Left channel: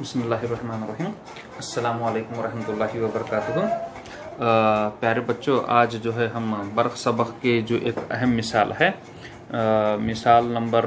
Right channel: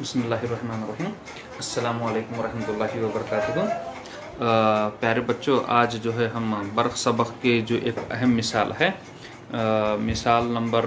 बिस्मिल्लाहिर्रहमानिर्रहीम। अस्सलामु अलैकुम वरहमतुल्लाहि वबरकातुहू। प्यारे बच्चों, आज जो है हम बर्क़ सबक़ के जो एक अहम मिसाल है, मिसाल नंबर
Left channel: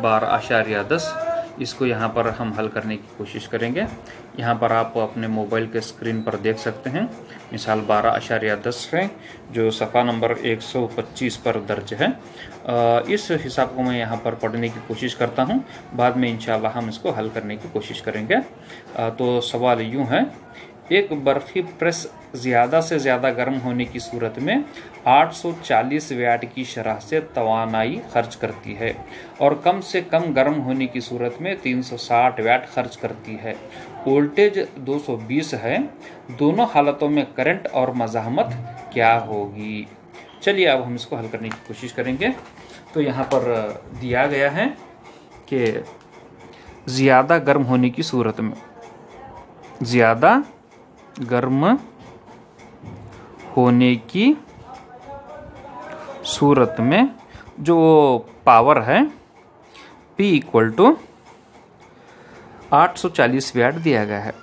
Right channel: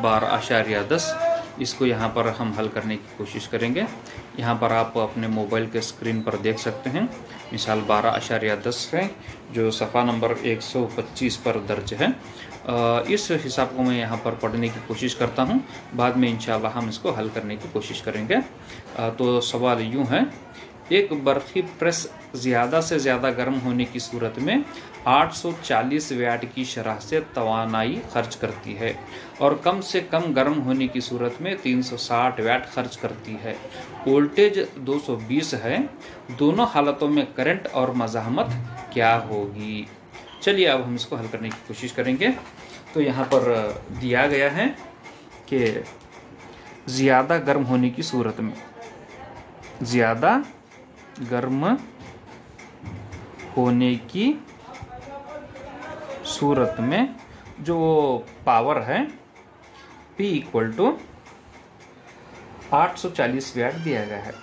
12.10, इसको यहाँ पर हम हल करने की कोशिश करेंगे। यहाँ पर आप अपने मोबाइल के स्क्रीन पर देख सकते हैं मिसाल 12.10 है, जो सफ़ा नंबर 125 पर दर्ज है। इस हिसाब को मैं यहाँ पर पढ़ने की कोशिश करता हूँ, बाद में इंशाअल्लाह हम इसको हल करने की कोशिश करेंगे। तो सवाल यूँ है, एक बर्फ़ी प्रेस ज़्यादा से ज़्यादा गर्म होने की सूरत में 840 वाट की शरह से तवानाई खर्च करती है और कम से कम गर्म होने की सूरत में 360 वाट खर्च करती है। वोल्टेज 220 है। दोनों हालतों में करंट और मज़ाहमत क्या होगी? चलिए अब हम इसको हल करने की कोशिश करेंगे। तो यहाँ पर दिया गया है कि ज़्यादा गर्म होने की सूरत में, ज़्यादा गर्म होने की सूरत में जो पावर है P इक्वल टू 840 वाट दिया गया है।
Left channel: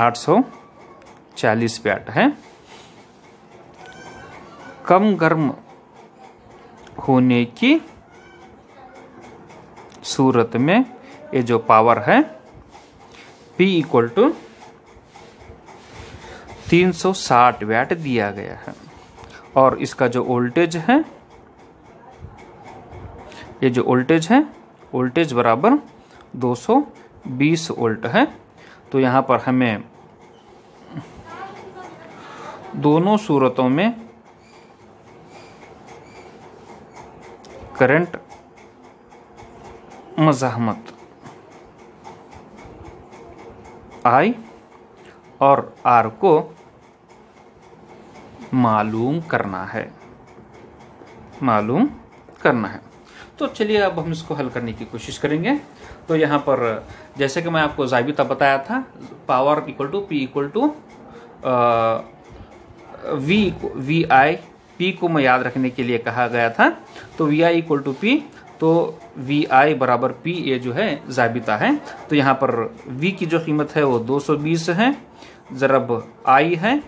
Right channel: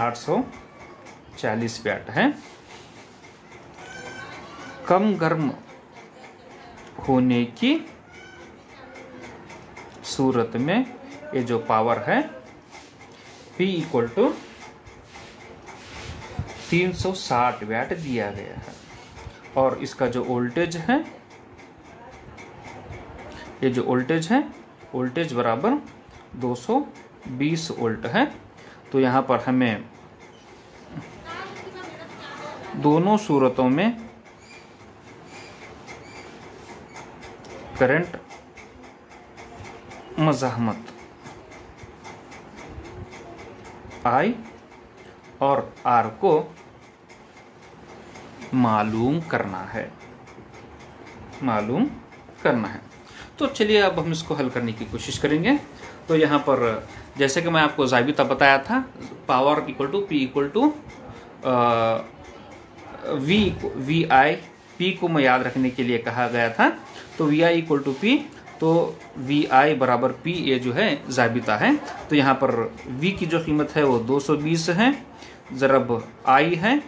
840 वाट है। कम गर्म होने की सूरत में ये जो पावर है P इक्वल टू 360 वाट दिया गया है और इसका जो वोल्टेज है, ये जो वोल्टेज है, वोल्टेज बराबर 220 वोल्ट है। तो यहाँ पर हमें दोनों सूरतों में करंट, मज़ाहमत I और R को मालूम करना है, तो चलिए अब हम इसको हल करने की कोशिश करेंगे। तो यहाँ पर जैसे कि मैं आपको ज़ाबिता बताया था, power equal to P equal to V I, P को मैं याद रखने के लिए कहा गया था। तो V I equal to P, तो वी आई बराबर P, ये जो है ज़ाबिता है। तो यहाँ पर V की जो कीमत है वो 220 है, ज़रब I है,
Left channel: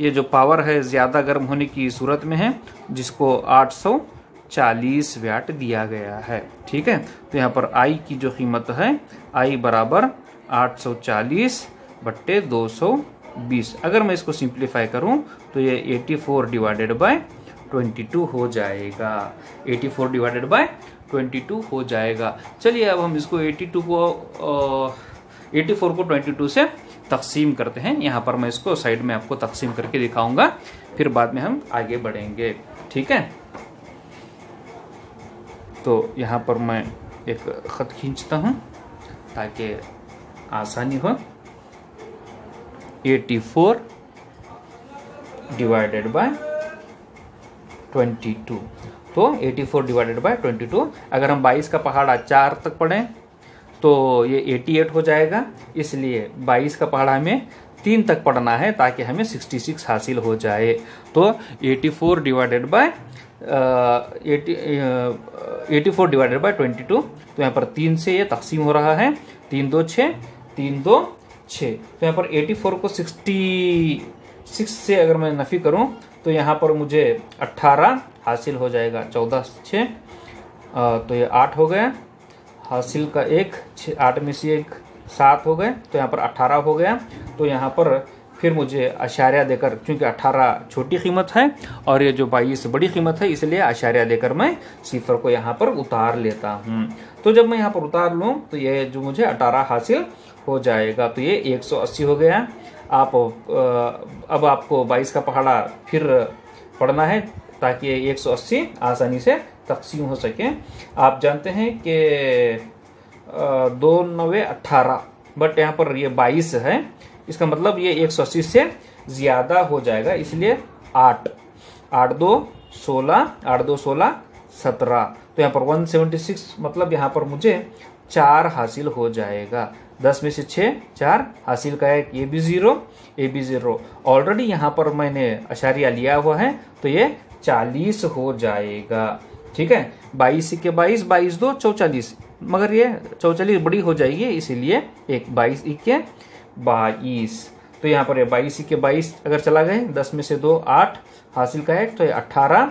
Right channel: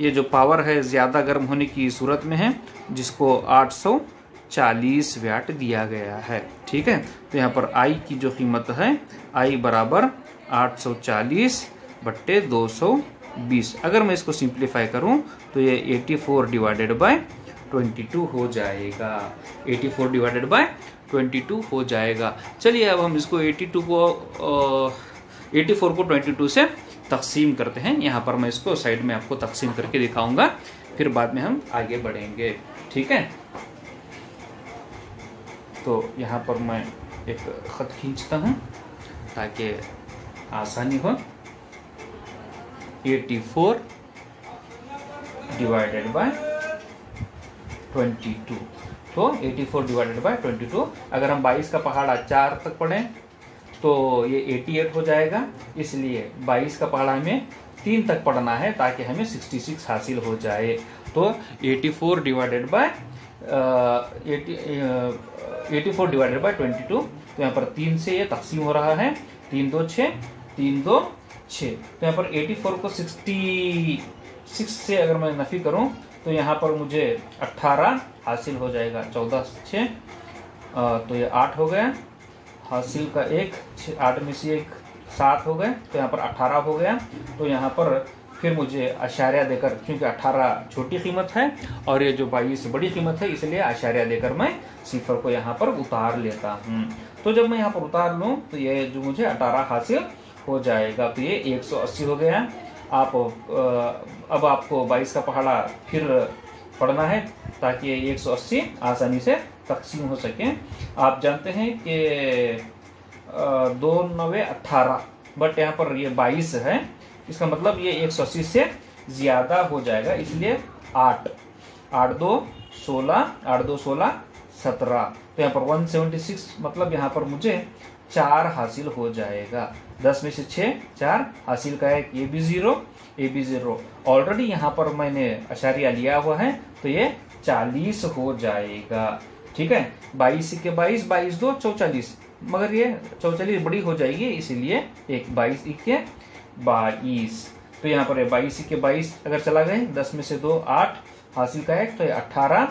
ये जो पावर है ज़्यादा गर्म होने की सूरत में है, जिसको 840 वाट दिया गया है। ठीक है, तो यहाँ पर I की जो कीमत है, I बराबर 840 बट्टे 220। अगर मैं इसको सिंप्लीफाई करूँ तो ये 84 डिवाइडेड बाय 22 हो जाएगा। 84 डिवाइडेड बाय 22 हो जाएगा। चलिए अब हम इसको 84 को 22 से तकसीम करते हैं। यहाँ पर मैं इसको साइड में आपको तकसीम करके दिखाऊंगा, फिर बाद में हम आगे बढ़ेंगे। ठीक है, तो यहाँ पर मैं एक ख़त खींचता हूँ ताकि आसानी हो। 84 डिवाइडेड बाय 22, तो 84 डिवाइडेड बाय 22, अगर हम 22 का पहाड़ा 4 तक पढ़ें तो ये 88 हो जाएगा। इसलिए 22 का पहाड़ा हमें 3 तक पढ़ना है ताकि हमें 66 हासिल हो जाए। तो 84 डिवाइडेड बाय 22, तो यहाँ पर 3 से ये तकसीम हो रहा है, 3 2 6, 3 2 6। तो यहाँ पर 84 को 66 से अगर मैं नफी करूं तो यहाँ पर मुझे 18 हासिल हो जाएगा। 14 6, तो ये 8 हो गया, हासिल का 1, 8 में से 1 7 हो गए, तो यहाँ पर 18 हो गया। तो यहाँ पर फिर मुझे आशार्या देकर, क्योंकि 18 छोटी कीमत है और ये जो 22 बड़ी कीमत है, इसलिए आशार्या देकर मैं सिफर को यहाँ पर उतार लेता हूँ। तो जब मैं यहाँ पर उतार लूँ तो ये जो मुझे 18 हासिल हो जाएगा, तो ये 180 हो गया। अब आपको 22 का पहाड़ा फिर पढ़ना है ताकि 180 आसानी से तकसीम हो सके। आप जानते हैं कि 2 9 18, बट यहाँ पर ये 22 है, इसका मतलब ये 180 से ज़्यादा हो जाएगा, इसलिए 8 8 2 16, 8 2 16 17। तो यहाँ पर 176, मतलब यहाँ पर मुझे 4 हासिल हो जाएगा। 10 में से 6 4 हासिल का एक, ये भी 0, ये भी 0। ऑलरेडी यहाँ पर मैंने अशारिया लिया हुआ है, तो ये 40 हो जाएगा। ठीक है, 22 के 22, 22 2 44, मगर ये 44 बड़ी हो जाएगी, इसीलिए एक 22 के 22। तो यहाँ पर 22 के 22 अगर चला गए, 10 में से 2 8, हासिल का 1, तो ये 18।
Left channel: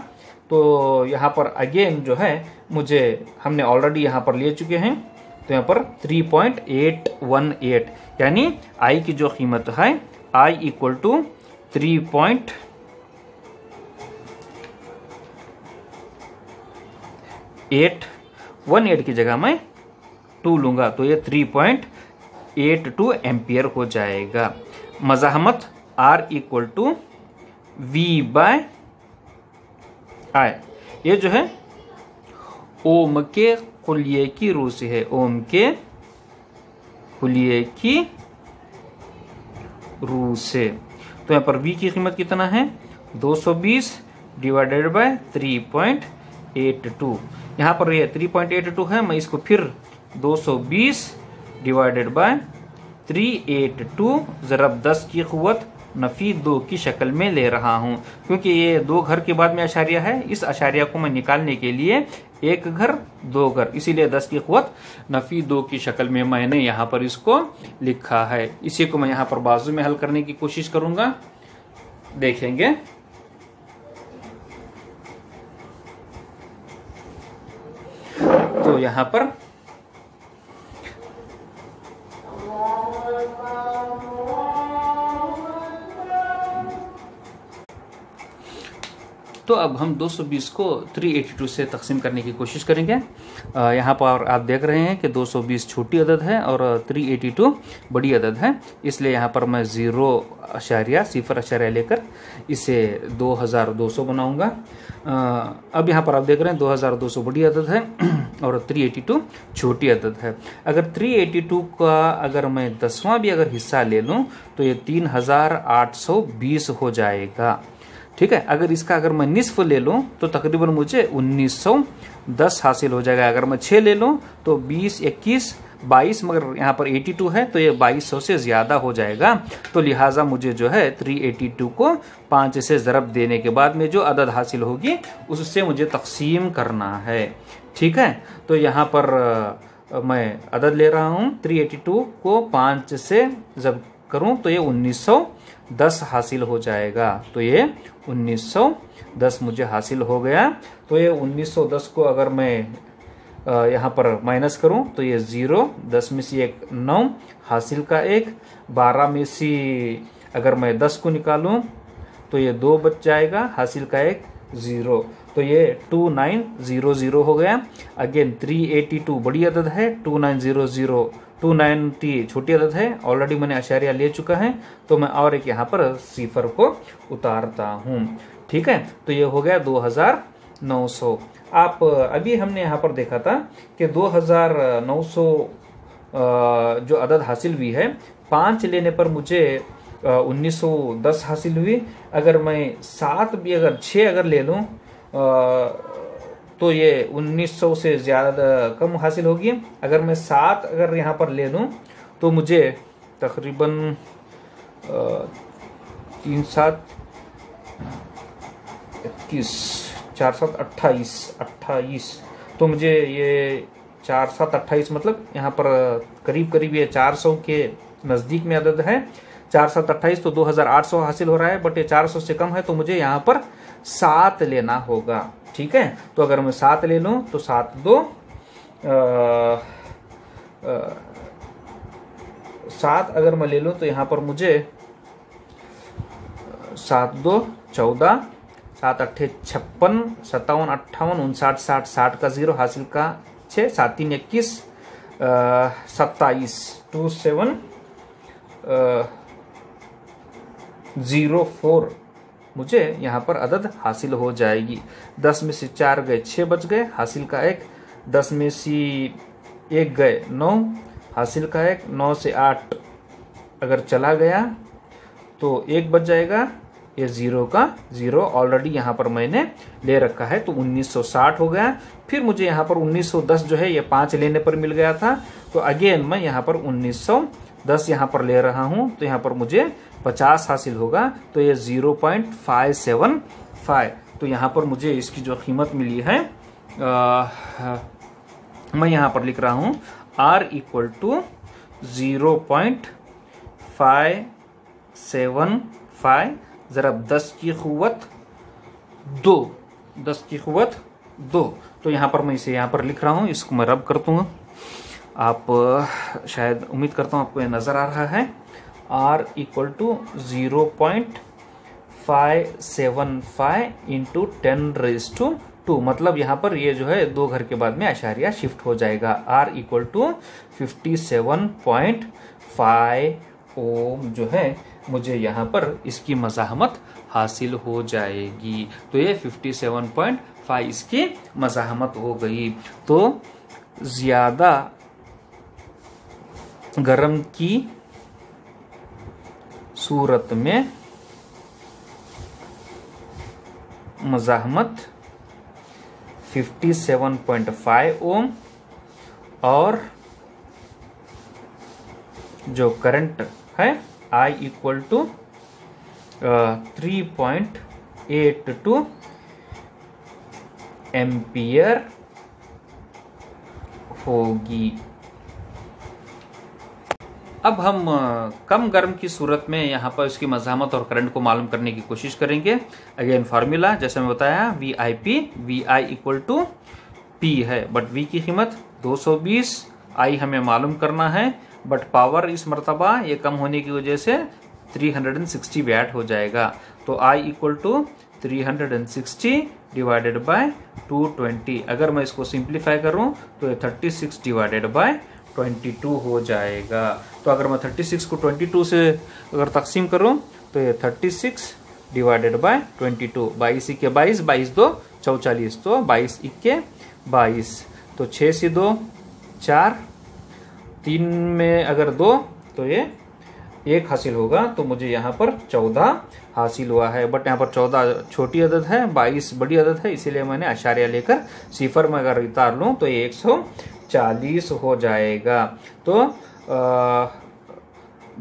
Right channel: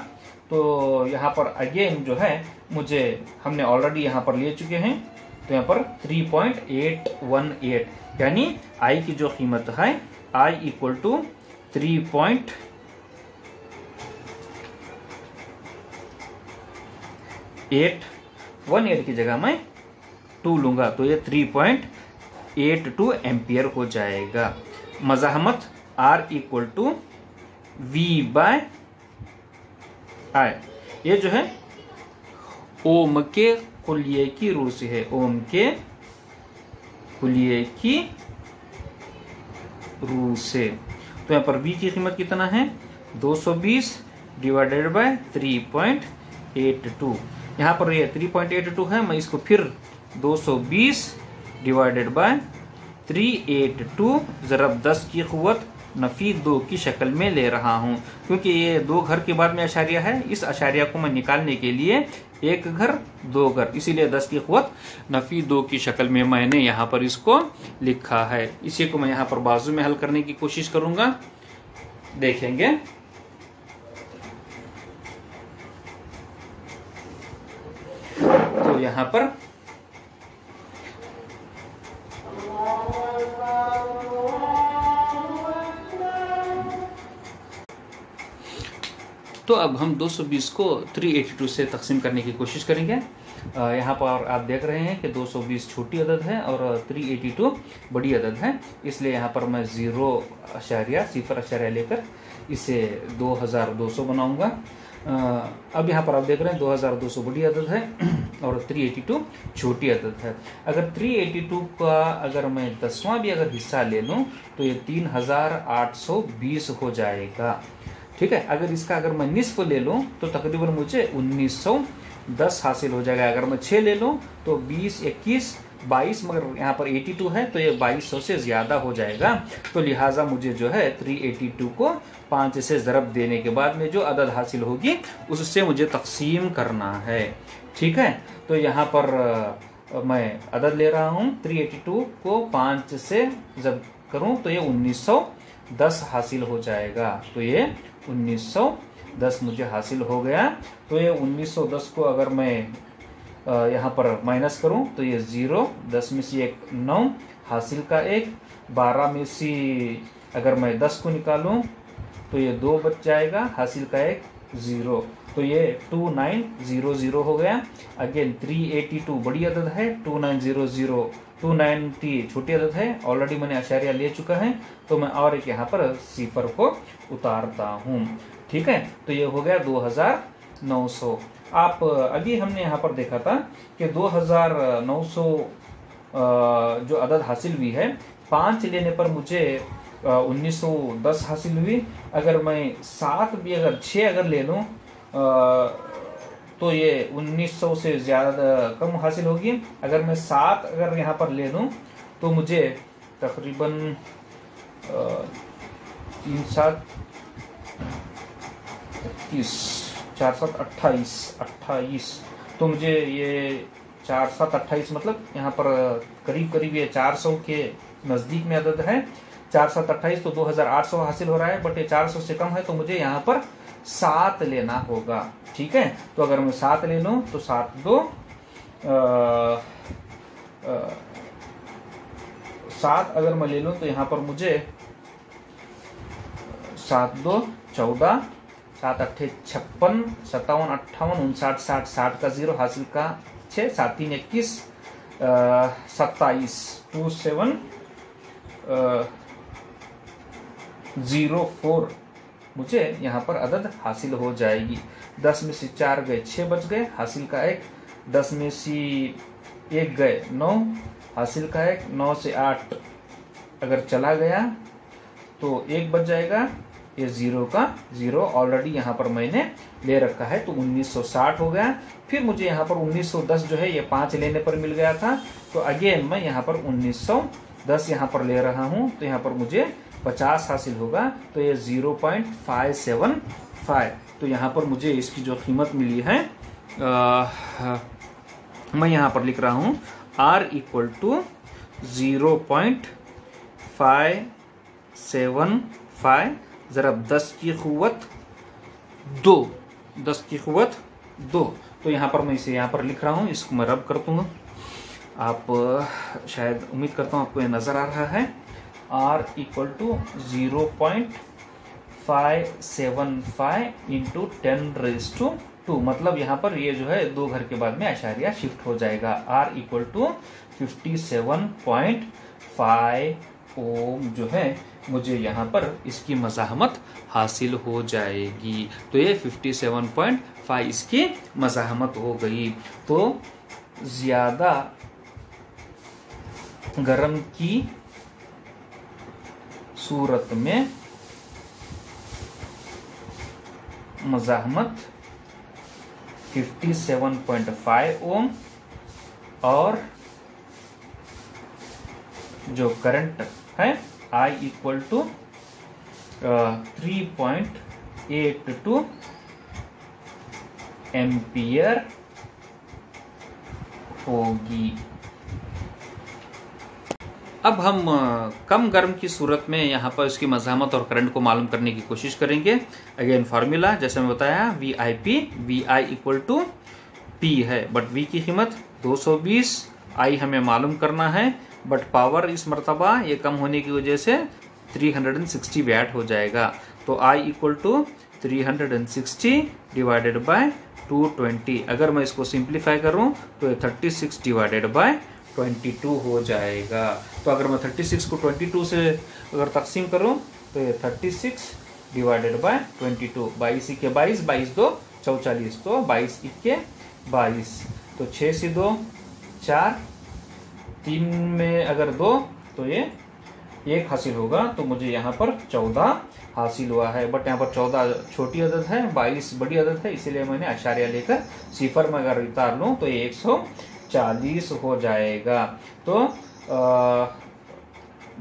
तो यहाँ पर अगेन जो है मुझे, हमने ऑलरेडी यहाँ पर ले चुके हैं, तो यहाँ पर 3.818, यानी आई की जो कीमत है आई इक्वल टू 3.818 की जगह मैं 2 लूंगा, तो ये 3.82 एम्पियर हो जाएगा। मज़ाहमत R इक्वल टू V/I, ये जो है ओम के कुलिये की रूह से है, ओम के कुलिये की रूह से। तो यहाँ पर V की कीमत कितना है, 220 डिवाइडेड बाय 3.82। यहाँ पर ये 3.82 है, मैं इसको फिर 220 डिवाइडेड बाय 382 ज़रब 10 की क़ुव्वत नफी 2 की शक्ल में ले रहा हूँ, क्योंकि ये 2 घर के बाद में अशारिया है। इस अशारिया को मैं निकालने के लिए 1 घर 2 घर, इसीलिए 10 की क़ुव्वत नफी 2 की शक्ल में मैंने यहाँ पर इसको लिखा है। इसी को मैं यहाँ पर बाजू में हल करने की कोशिश करूंगा, देखेंगे। तो यहाँ पर तो अब हम 220 को 382 से तकसीम करने की कोशिश करेंगे। यहाँ पर आप देख रहे हैं कि 220 छोटी अदद है और 382 बड़ी अदद है, इसलिए यहाँ पर मैं 0.0 लेकर इसे 2200 बनाऊंगा। अब यहाँ पर आप देख रहे हैं 2200 बड़ी अदद है और 382 छोटी अदद है। अगर 382 का अगर मैं 10वां भी अगर हिस्सा ले लूँ तो ये 3820 हो जाएगा, ठीक है। अगर इसका अगर मैं निस्फ ले लूँ तो तकरीबन मुझे 1910 हासिल हो जाएगा। अगर मैं 6 ले लूँ तो 20, 21, 22, मगर यहाँ पर 82 है तो ये 2200 से ज़्यादा हो जाएगा। तो लिहाजा मुझे जो है 382 को 5 से ज़रब देने के बाद में जो अदद हासिल होगी उससे मुझे तकसीम करना है, ठीक है। तो यहाँ पर मैं अदद ले रहा हूँ, 382 को 5 से जब करूँ तो ये 1910 हासिल हो जाएगा। तो ये 1910 मुझे हासिल हो गया। तो ये 1910 को अगर मैं यहाँ पर माइनस करूं तो ये 0, 10 में से 1 9, हासिल का 1, 12 में से अगर मैं 10 को निकालूं तो ये 2 बच जाएगा, हासिल का 1 0। तो ये 2900 हो गया। अगेन 382 बड़ी अदद है, 2900, 290 छोटी अदद है, ऑलरेडी मैंने अशारिया ले चुका है, तो मैं और एक यहाँ पर सिफर को उतारता हूँ, ठीक है। तो ये हो गया 2900। आप अभी हमने यहाँ पर देखा था कि 2900 जो अदद हासिल हुई है, 5 लेने पर मुझे 1910 हासिल हुई। अगर मैं 7 भी अगर 6 अगर ले लूँ तो ये 1900 से ज़्यादा कम हासिल होगी। अगर मैं 7 अगर यहाँ पर ले लूँ तो मुझे तकरीबन 3 7 21 4 7 28, तो मुझे ये 4 7 28 मतलब यहाँ पर करीब करीब ये 400 के नज़दीक में अदद है। 4 7 28 तो 2800 हासिल हो रहा है, बट ये 400 से कम है, तो मुझे यहाँ पर 7 लेना होगा, ठीक है। तो अगर मैं 7 ले लूँ तो 7 2 7 अगर मैं ले लूँ तो यहाँ पर मुझे 7 2 14, 7 8 56, 57 58 59 60, 60 का 0, हासिल का 6, 7 3 21, 27 27 04 मुझे यहाँ पर अदद हासिल हो जाएगी। 10 में से 4 गए 6 बच गए, हासिल का 1, 10 में से 1 गए 9, हासिल का 1, 9 से 8 अगर चला गया तो 1 बच जाएगा, ये 0 का 0 ऑलरेडी यहाँ पर मैंने ले रखा है, तो 1960 हो गया। फिर मुझे यहाँ पर 1910 जो है ये 5 लेने पर मिल गया था, तो अगेन मैं यहाँ पर 1910 यहाँ पर ले रहा हूँ, तो यहाँ पर मुझे 50 हासिल होगा, तो ये 0.575। तो यहाँ पर मुझे इसकी जो कीमत मिली है मैं यहां पर लिख रहा हूं R इक्वल टू 0.575 ज़रब 10 की क़ुव्वत 2, 10 की क़ुव्वत 2। तो यहाँ पर मैं इसे यहाँ पर लिख रहा हूँ, इसको मैं रब कर दूँगा। आप शायद उम्मीद करता हूँ आपको ये नज़र आ रहा है। R इक्वल टू 0.575 इंटू 10⁻², मतलब यहाँ पर ये जो है 2 घर के बाद में आशारिया शिफ्ट हो जाएगा। R इक्वल टू 57.5 ओम जो है मुझे यहाँ पर इसकी मज़ाहमत हासिल हो जाएगी। तो ये 57.5 इसकी मज़ाहमत हो गई। तो ज़्यादा गर्म की सूरत में मज़ाहमत 57.5 ओम और जो करंट है I इक्वल टू 3.82 एम्पियर होगी। अब हम कम गर्म की सूरत में यहाँ पर इसकी मज़ाहमत और करंट को मालूम करने की कोशिश करेंगे। अगेन फार्मूला जैसे मैं बताया, VIP VI equal to P है, बट V की कीमत 220, I हमें मालूम करना है, बट पावर इस मरतबा ये कम होने की वजह से 360 वैट हो जाएगा। तो I equal to 360 divided by 220। अगर मैं इसको सिंप्लीफाई करूं तो ये 36 डिवाइडेड बाय 22 हो जाएगा। तो अगर मैं 36 को 22 से अगर तकसीम करूं तो ये 36 डिवाइडेड बाय 22, 22 के 22, 22 दो 44, तो 22 इक्के 22, तो 6 से 2 4, 3 में अगर 2 तो ये 1 हासिल होगा। तो मुझे यहाँ पर 14 हासिल हुआ है, बट यहाँ पर 14 छोटी अदद है, 22 बड़ी अदद है, इसीलिए मैंने आशारिया लेकर सिफर में अगर उतार लूँ तो ये 140 हो जाएगा। तो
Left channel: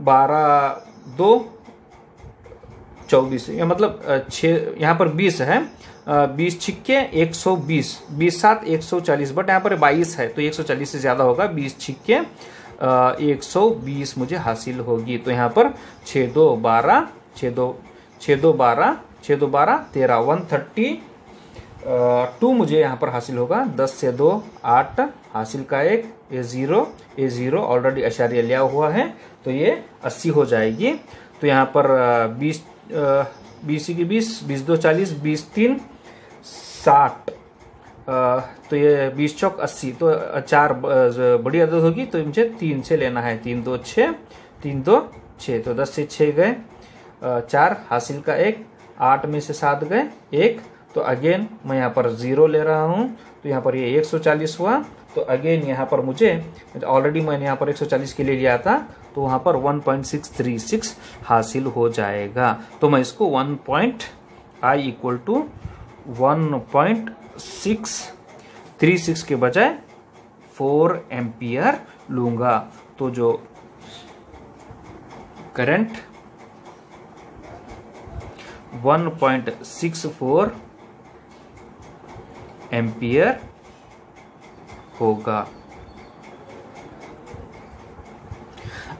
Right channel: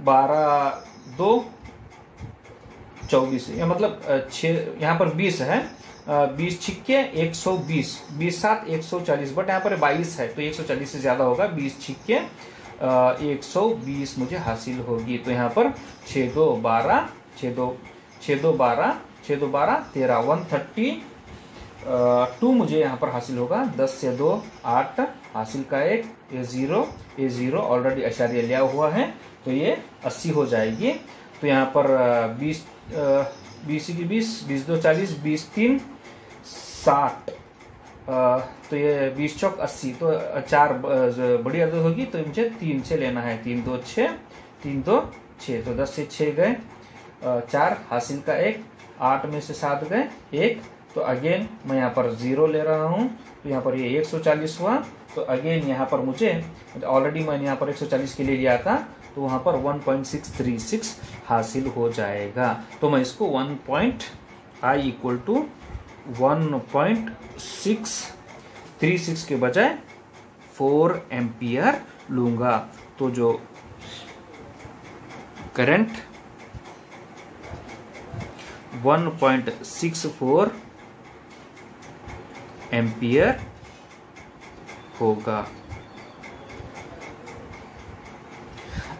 12 2 24, मतलब 6 यहाँ पर 20 है, 20 छिक्के 120, 20 7 140, बट यहाँ पर 22 है तो 140 से ज्यादा होगा। 20 छिक्के 120 मुझे हासिल होगी। तो यहाँ पर 6 2 12 6 2 12 6 2 12 13 132 मुझे यहाँ पर हासिल होगा। 10 से 2 8 हासिल का 1, ये 0 ऑलरेडी अशारिया लिया हुआ है तो ये 80 हो जाएगी। तो यहाँ पर 20 की 20 20 2 40, 20 3 60, तो ये 20 चौक 80, तो 4 बड़ी अदद होगी तो मुझे 3 से लेना है। 3 2 6 3 2 6, तो 10 से 6 गए, 4 हासिल का 1, 8 में से 7 गए 1, तो अगेन मैं यहाँ पर 0 ले रहा हूँ तो यहाँ पर ये 140 हुआ। तो अगेन यहाँ पर मुझे ऑलरेडी मैंने यहाँ पर 140 के लिए लिया था तो वहाँ पर 1.636 हासिल हो जाएगा। तो मैं इसको I इक्वल टू 1.636 के बजाय 4 एम्पियर लूंगा। तो जो करंट 1.64 एम्पियर होगा।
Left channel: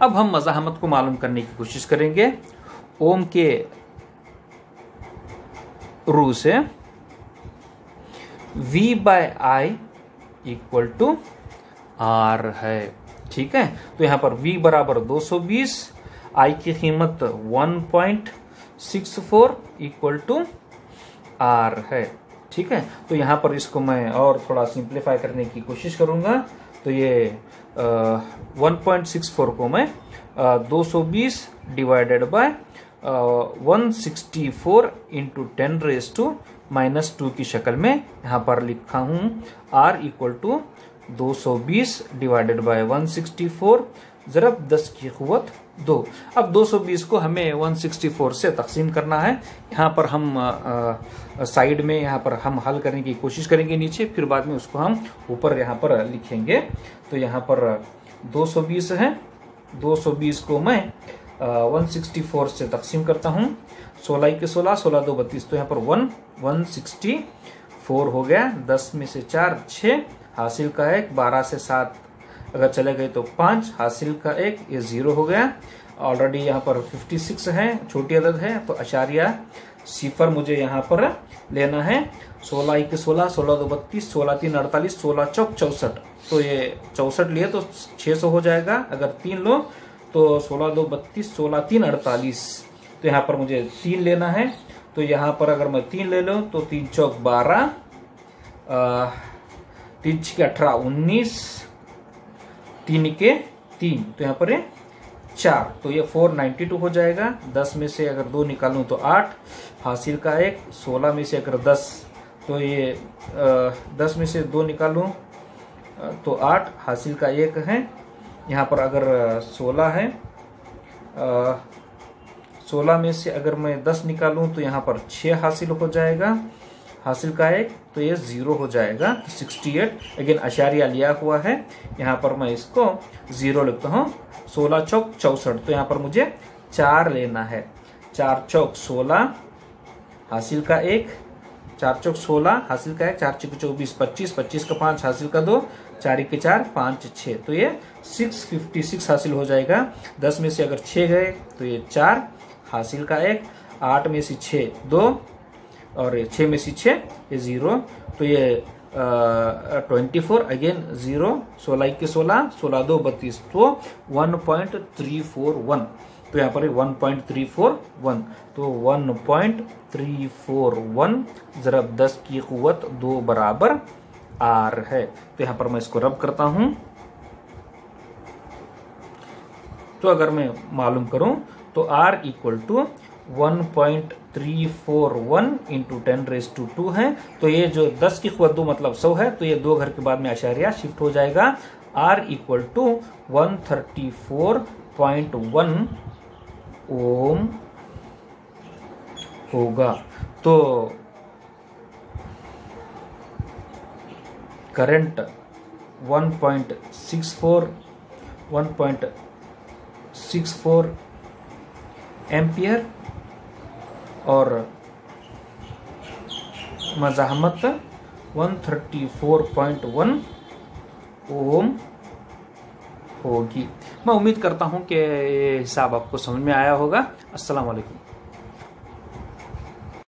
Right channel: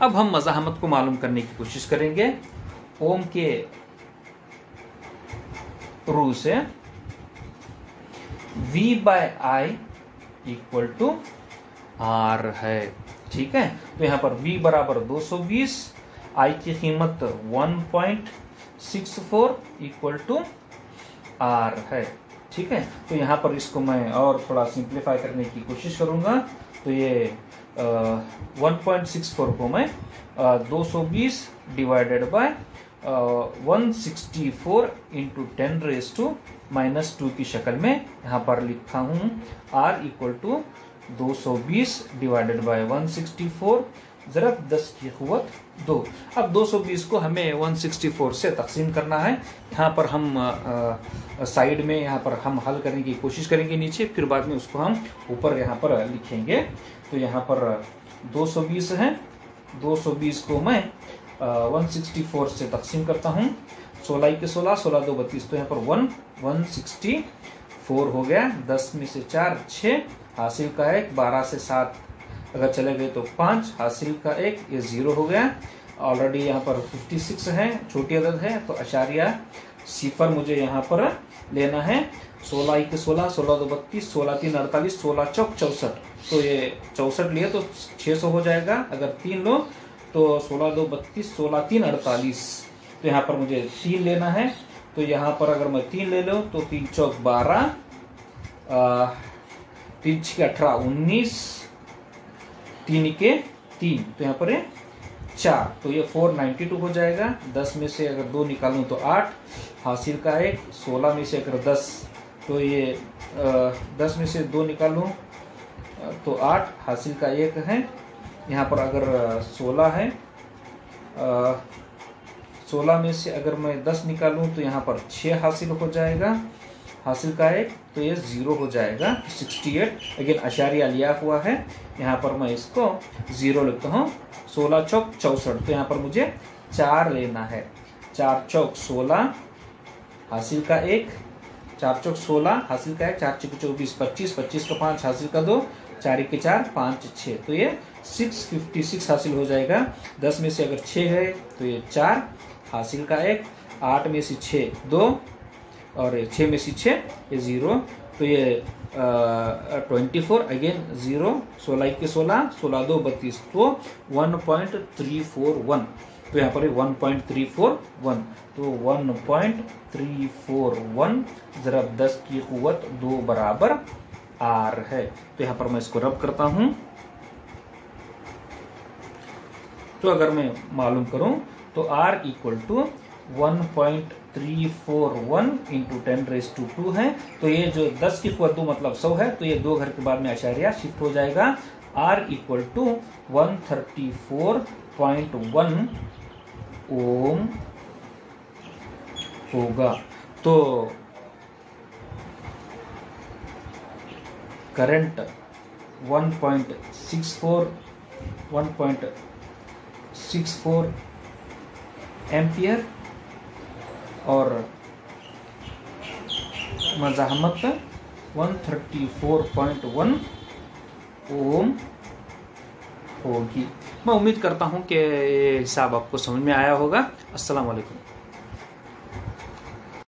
अब हम मज़ाहमत को मालूम करने की कोशिश करेंगे। ओम के रू से V/I इक्वल टू R है, ठीक है। तो यहाँ पर V बराबर 220, I की कीमत 1.64 इक्वल टू R है, ठीक है। तो यहाँ पर इसको मैं और थोड़ा सिंप्लीफाई करने की कोशिश करूंगा। तो ये 1.64 को मैं 220 डिवाइडेड बाय 164 इंटू 10⁻² की शक्ल में यहाँ पर लिखा हूँ। R equal to 220 divided by 164 ज़रब 10 की क़ुव्वत 2। अब 220 को हमें 164 से तकसीम करना है। यहाँ पर हम साइड में यहाँ पर हम हल करने की कोशिश करेंगे नीचे, फिर बाद में उसको हम ऊपर यहाँ पर लिखेंगे। तो यहाँ पर 220 है, 220 को मैं 164 से तकसीम करता हूँ। 16 के 16, 16 2 32, तो यहाँ पर 164 हो गया। 10 में से 4 6, हासिल का 1, 12 से 7 अगर चले गए तो 5, हासिल का 1, ये 0 हो गया। ऑलरेडी यहाँ पर 56 है, छोटी अदद है, तो आशार्य सिफर मुझे यहाँ पर लेना है। 16 1 16, 16 2 32, 16 3 48, 16 चौक 64। तो ये 64 लिए तो 600 हो जाएगा। अगर 3 लो तो 16 2 32, 16 3 48। तो यहाँ पर मुझे 3 लेना है। तो यहाँ पर अगर मैं 3 ले लूँ तो 3 चौक 12, 3 6 18 19, 3 के 3, तो यहाँ पर 4, तो ये 492 हो जाएगा। 10 में से अगर 2 निकालूं तो 8, हासिल का 1, 16 में से अगर 10 तो ये 10 में से 2 निकालूं तो 8, हासिल का 1 है। यहाँ पर अगर 16 है, 16 में से अगर मैं 10 निकालूं तो यहाँ पर 6 हासिल हो जाएगा, हासिल का 1, तो ये 0 हो जाएगा। 68 अगेन आशार्य लिया हुआ है, यहाँ पर मैं इसको 0 लिखता हूँ। 16 चौक 64, तो यहाँ पर मुझे 4 लेना है। 4 चौक 16, हासिल का 1, 4 चौक 16, हासिल का 1, 4 चौक 24, 25, 25 का 5, हासिल का 2, 4 1 4, 5 6, तो ये 656 हासिल हो जाएगा। 10 में से अगर 6 गए तो ये 4, हासिल का 1, 8 में से 6 2, और 6 में से 6 ये 0, तो ये 24 अगेन 0, 16 1 16, 16 2 32, तो 1.341। तो यहाँ पर 1.341, तो 1.341 ज़रब 10 की क़ुव्वत 2 बराबर R है। तो यहाँ पर मैं इसको रब करता हूँ। तो अगर मैं मालूम करूं तो R इक्वल टू 1.341 इंटू 10⁻² है। तो ये जो 10 की क़ुव्वत 2 मतलब 100 है, तो ये 2 घर के बाद में आशार्य शिफ्ट हो जाएगा। R इक्वल टू 134.1 ओम होगा। तो करंट 1.64 एम्पियर और मज़ाहमत 134.1 ओम होगी। मैं उम्मीद करता हूं कि ये हिसाब आपको समझ में आया होगा। अस्सलाम वालेकुम।